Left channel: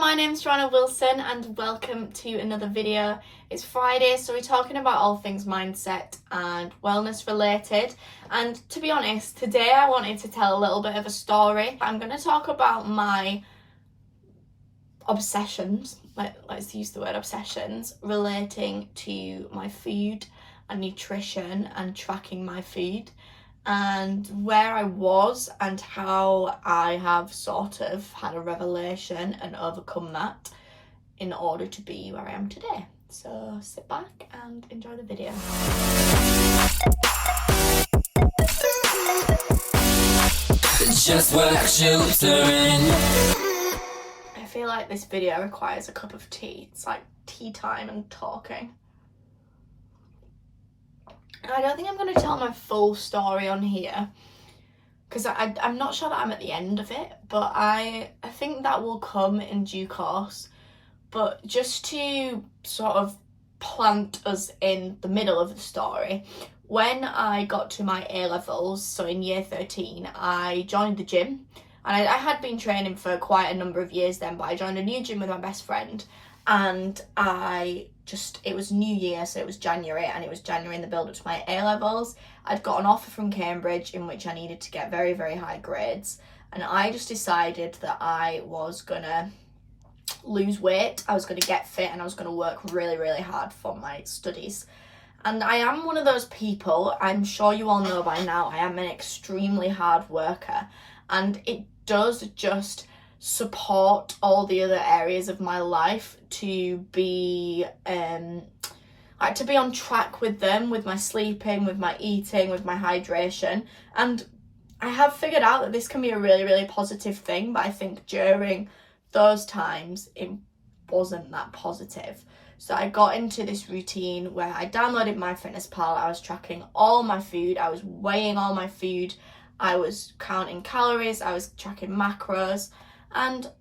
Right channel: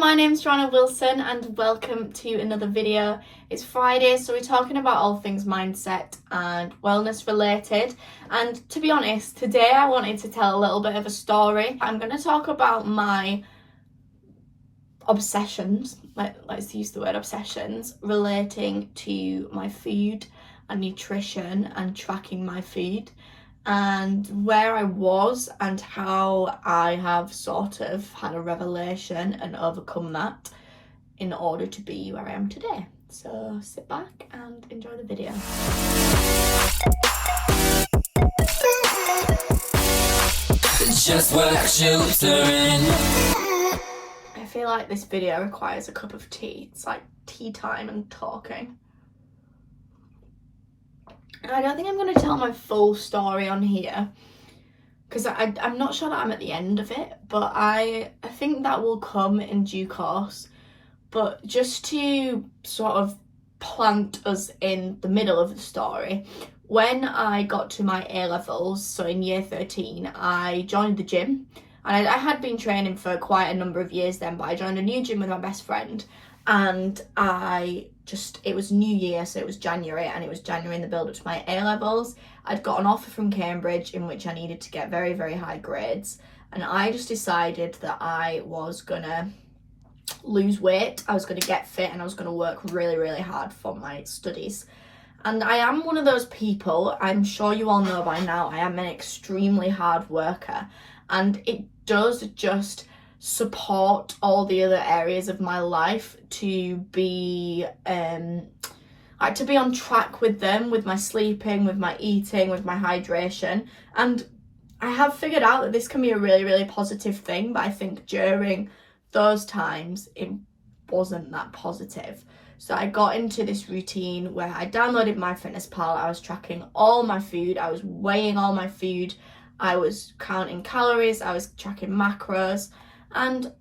my name's Joanna Wilson and welcome to another video. It's Friday, so we're talking about all things mindset and wellness related. And to be honest, today I wanted to tell a little bit of a story. I'm going to talk about my obsessions, let's use the word obsessions, relating to my food and nutrition and tracking my food, and where I was and how I have sort of had a revelation and overcome that in order to be where I am today. So sit back and enjoy the video. Just work sheltering. I feel like this video requires a cup of tea. It's like tea time and talking. I don't think I'm going to tell my full story on here because I'm not sure that I'm at the end of it, but I think that will come in due course. But just to sort of plant us in the middle of the story, when I got to my A-levels, so in year 13, I joined the gym. And I had been training for quite a number of years then, but I joined a new gym with my best friend. And it was New Year, so it was January, and it was January in the build up to my A-levels. I'd got an offer from Cambridge in which I needed to get very, very high grades. And I just decided that I was gonna lose weight, I was gonna get fit, and I was gonna work really, really hard for my studies. And I am one of those people, I'm sure you all know by now, I am an extremely hard worker. And it does just support all the other areas of my life to be on track with them, with my sleeping, with my eating, with my hydration. And I have figured out that this can be a really, really positive thing, but I think during those times it wasn't that positive. So I got into this routine where I downloaded MyFitnessPal. I was tracking all my food, I was weighing all my food, I was counting calories, I was tracking macros. And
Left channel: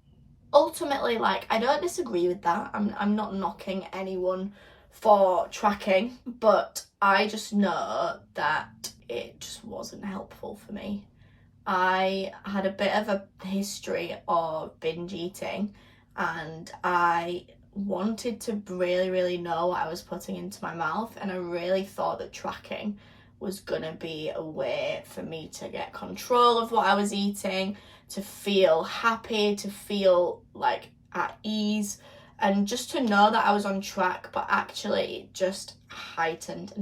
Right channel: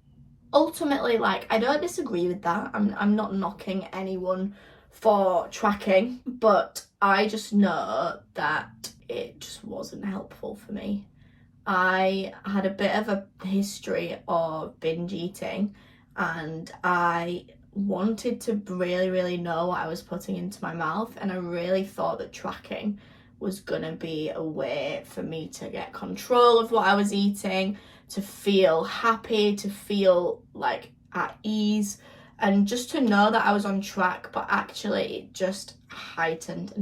ultimately, I don't disagree with that. I'm not knocking anyone for tracking, but I just know that it just wasn't helpful for me. I had a bit of a history of binge eating, and I wanted to really, really know what I was putting into my mouth, and I really thought that tracking was gonna be a way for me to get control of what I was eating, to feel happy, to feel at ease, and just to know that I was on track. But actually it just heightened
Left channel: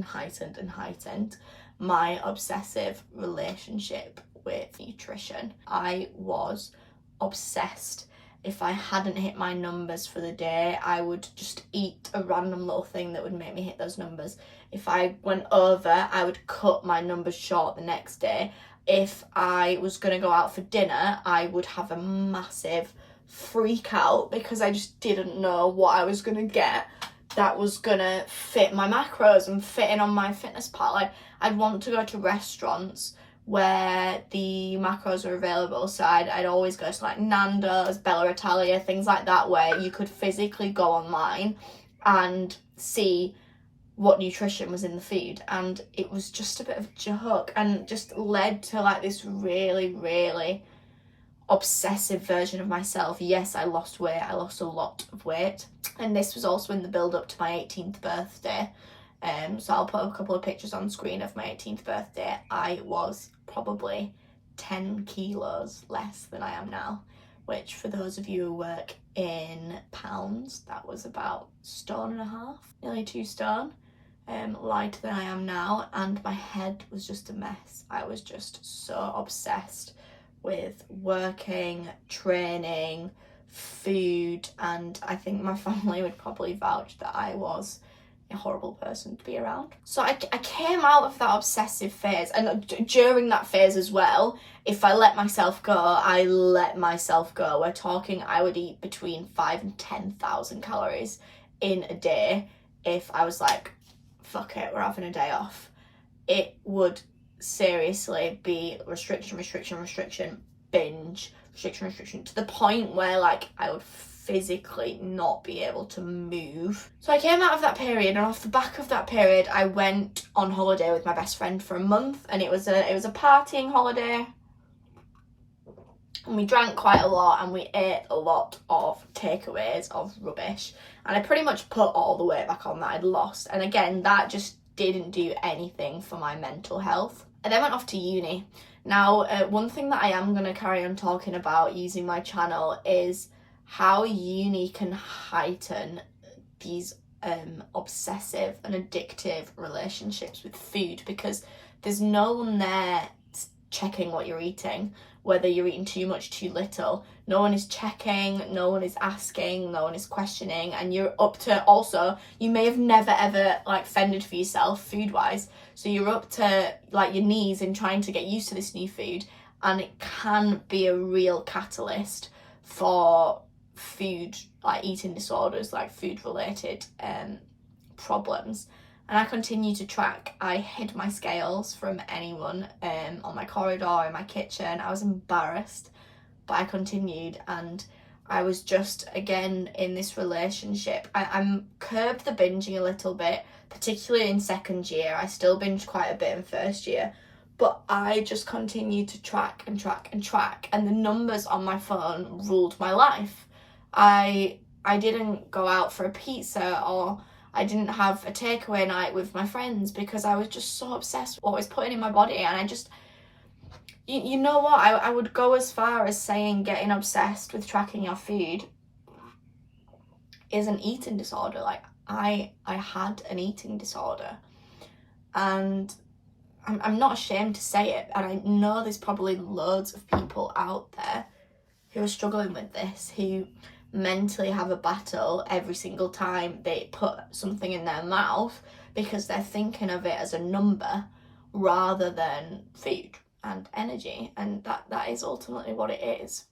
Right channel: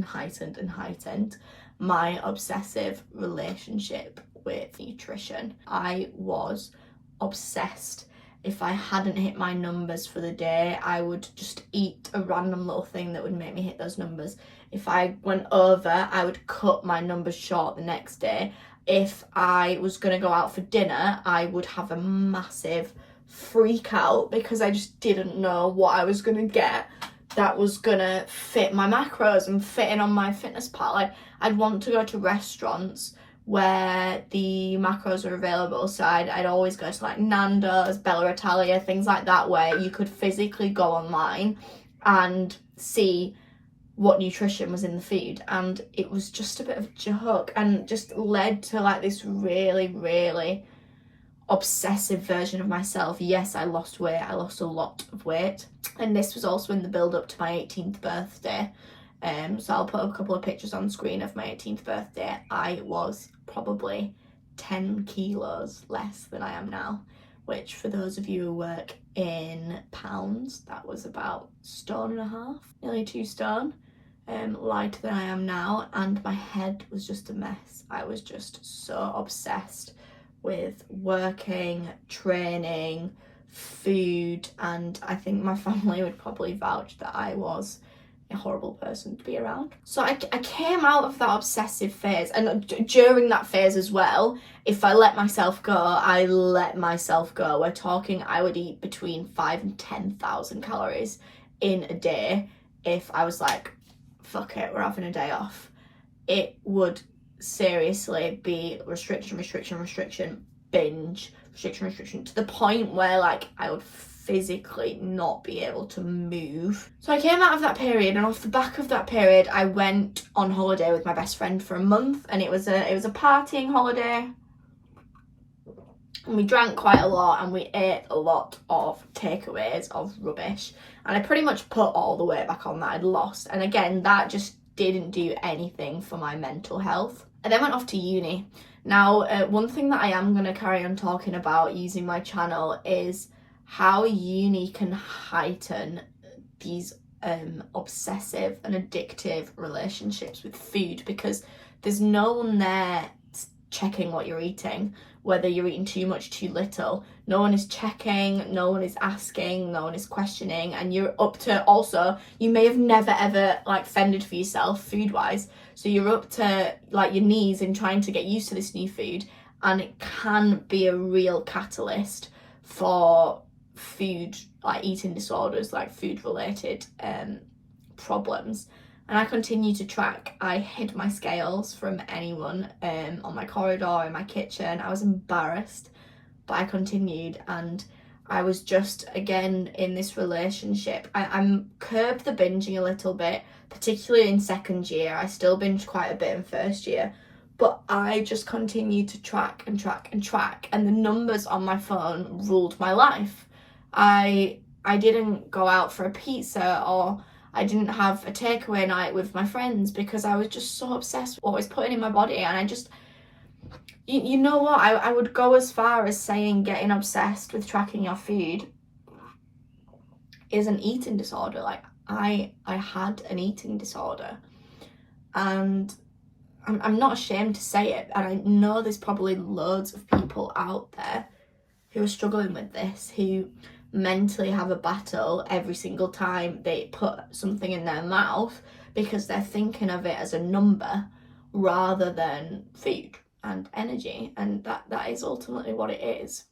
my obsessive relationship with nutrition. I was obsessed. If I hadn't hit my numbers for the day, I would just eat a random little thing that would make me hit those numbers. If I went over, I would cut my numbers short the next day. If I was going to go out for dinner, I would have a massive freak out because I just didn't know what I was going to get that was going to fit my macros and fit in on MyFitnessPal. I'd want to go to restaurants where the macros are available, so I'd always go to Nando's, Bella Italia, things like that, where you could physically go online and see what nutrition was in the food. And it was just a bit of a joke and just led to this really, really obsessive version of myself. Yes, I lost weight, I lost a lot of weight, and this was also in the build up to my 18th birthday. So I'll put a couple of pictures on screen of my 18th birthday. I was probably 10 kilos less than I am now, which for those of you who work in pounds, that was about 1.5 stone, nearly 2 stone, lighter than I am now. And my head was just a mess. I was just so obsessed with working, training, food, and I think my family would probably vouch that I was a horrible person to be around. So I came out of that obsessive phase, and during that phase as well, if I let myself go, I let myself go. We're talking I would eat between 5,000 and 10,000 calories in a day. If I was like, fuck it, we're having a day off, it would seriously be restriction, binge, restriction, to the point where I would physically not be able to move. So I came out of that period, and off the back of that period I went on holiday with my best friend for a month, and it was a partying holiday. And we drank quite a lot and we ate a lot of takeaways of rubbish. And I pretty much put all the weight back on that I'd lost. And again, that just didn't do anything for my mental health. I then went off to uni. Now, one thing that I am going to carry on talking about using my channel is how uni can heighten these obsessive and addictive relationships with food, because there's no one there checking what you're eating, whether you're eating too much, too little. No one is checking, no one is asking, no one is questioning, and you're up to, also, you may have never ever like fended for yourself food wise, so you're up to like your knees in trying to get used to this new food, and it can be a real catalyst for food, like eating disorders, like food related problems. And I continue to track. I hid my scales from anyone on my corridor, in my kitchen. I was embarrassed, but I continued, and I was just, again, in this relationship. I'm curbed the binging a little bit, particularly in second year. I still binged quite a bit in first year, but I just continued to track and track and track, and the numbers on my phone ruled my life. I didn't go out for a pizza, or I didn't have a takeaway night with my friends, because I was just so obsessed with what I was putting in my body. And I just, you know what, I would go as far as saying getting obsessed with tracking your food is an eating disorder. Like, I had an eating disorder, and I'm not ashamed to say it, and I know there's probably loads of people out there who are struggling with this, who mentally have a battle every single time they put something in their mouth, because they're thinking of it as a number rather than food and energy, and that is ultimately what it is.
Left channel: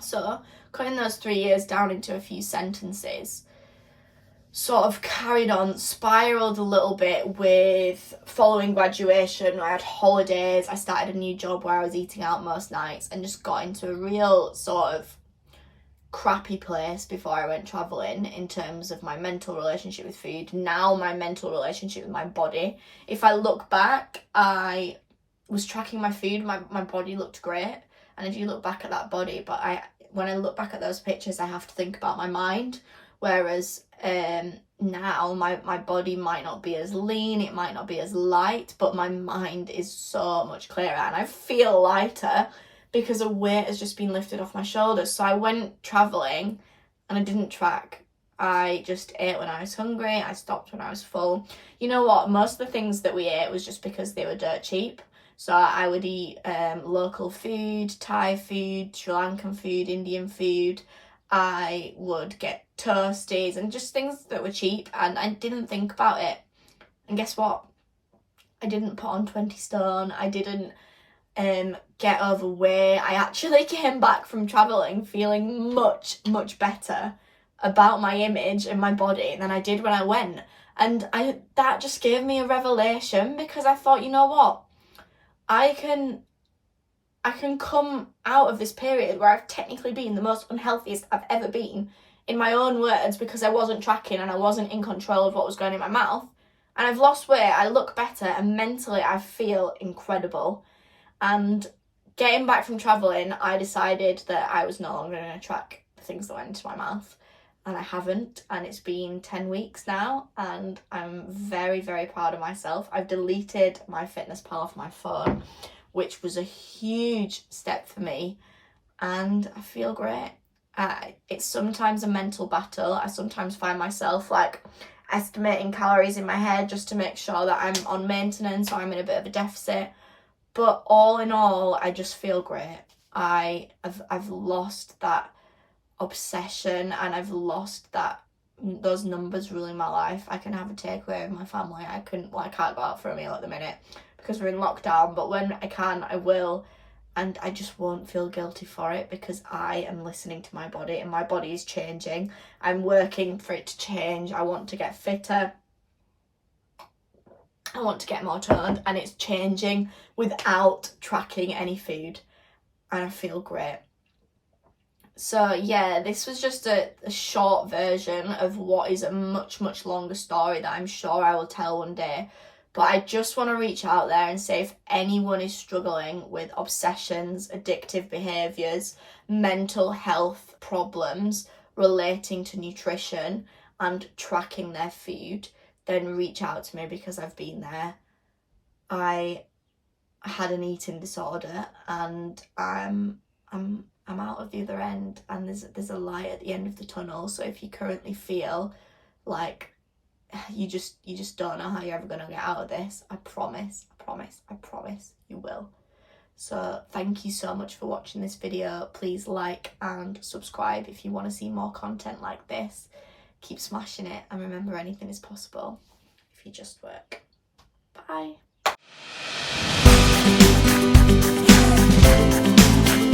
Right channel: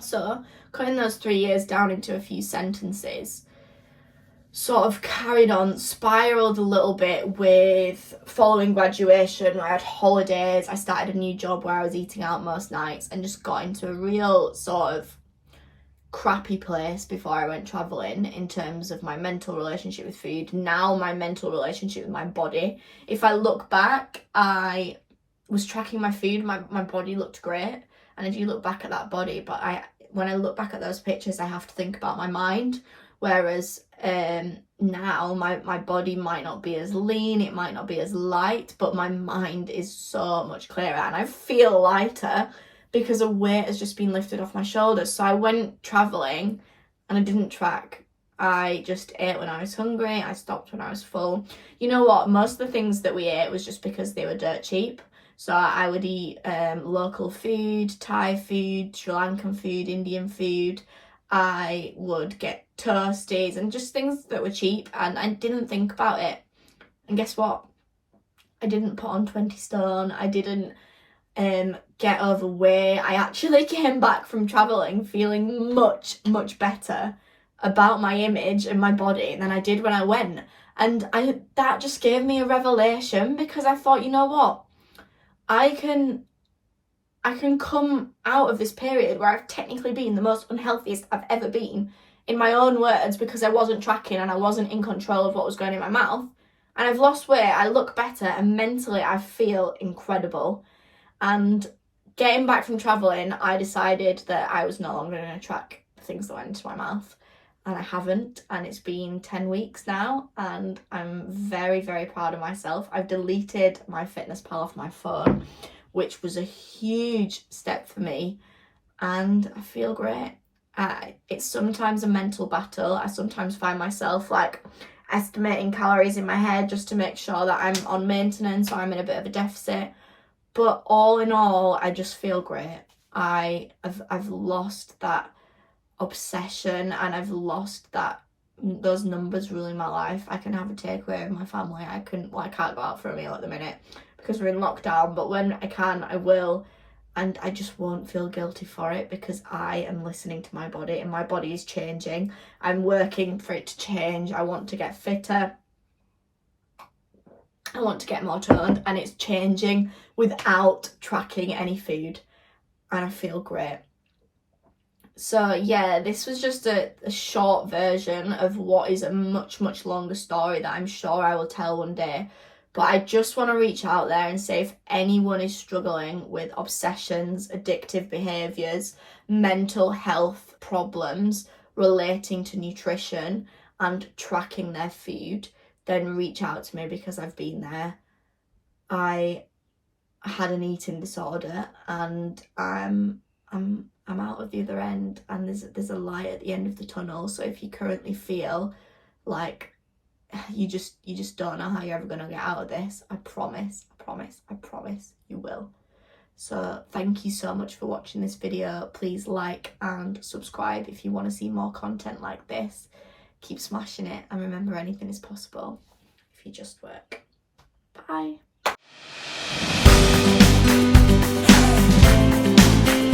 So cutting those 3 years down into a few sentences, sort of carried on, spiraled a little bit with following graduation. I had holidays, I started a new job where I was eating out most nights, and just got into a real sort of crappy place before I went traveling in terms of my mental relationship with food. Now my mental relationship with my body, if I look back, I was tracking my food, my body looked great, and I do look back at that body, but when I look back at those pictures, I have to think about my mind. Whereas now my body might not be as lean, it might not be as light, but my mind is so much clearer, and I feel lighter because a weight has just been lifted off my shoulders. So I went traveling and I didn't track. I just ate when I was hungry, I stopped when I was full. You know what, most of the things that we ate was just because they were dirt cheap. So I would eat local food, Thai food, Sri Lankan food, Indian food. I would get toasties and just things that were cheap, and I didn't think about it. And guess what? I didn't put on 20 stone. I didn't get overweight. I actually came back from traveling feeling much, much better about my image and my body than I did when I went. And that just gave me a revelation, because I thought, you know what? I can come out of this period where I've technically been the most unhealthiest I've ever been, in my own words, because I wasn't tracking and I wasn't in control of what was going in my mouth. And I've lost weight, I look better, and mentally I feel incredible. And getting back from traveling, I decided that I was no longer going to track the things that went into my mouth. And I haven't, and it's been 10 weeks now, and I'm very, very proud of myself. I've deleted my fitness pal off my phone, which was a huge step for me, and I feel great. It's sometimes a mental battle. I sometimes find myself like estimating calories in my head just to make sure that I'm on maintenance or I'm in a bit of a deficit. But all in all, I just feel great. I've lost that obsession, and I've lost those numbers ruling my life. I can have a takeaway with my family. I can't go out for a meal at the minute because we're in lockdown, but when I can, I will, and I just won't feel guilty for it, because I am listening to my body, and my body is changing. I'm working for it to change. I want to get fitter, I want to get more toned, and it's changing without tracking any food, and I feel great. So yeah, this was just a short version of what is a much, much longer story that I'm sure I will tell one day. But I just want to reach out there and say, if anyone is struggling with obsessions, addictive behaviours, mental health problems relating to nutrition and tracking their food, then reach out to me, because I've been there. I had an eating disorder, and I'm out of the other end, and there's a light at the end of the tunnel. So if you currently feel like you just don't know how you're ever going to get out of this, I promise you will. So thank you so much for watching this video. Please like and subscribe if you want to see more content like this. Keep smashing it, and remember, anything is possible if you just work. Bye.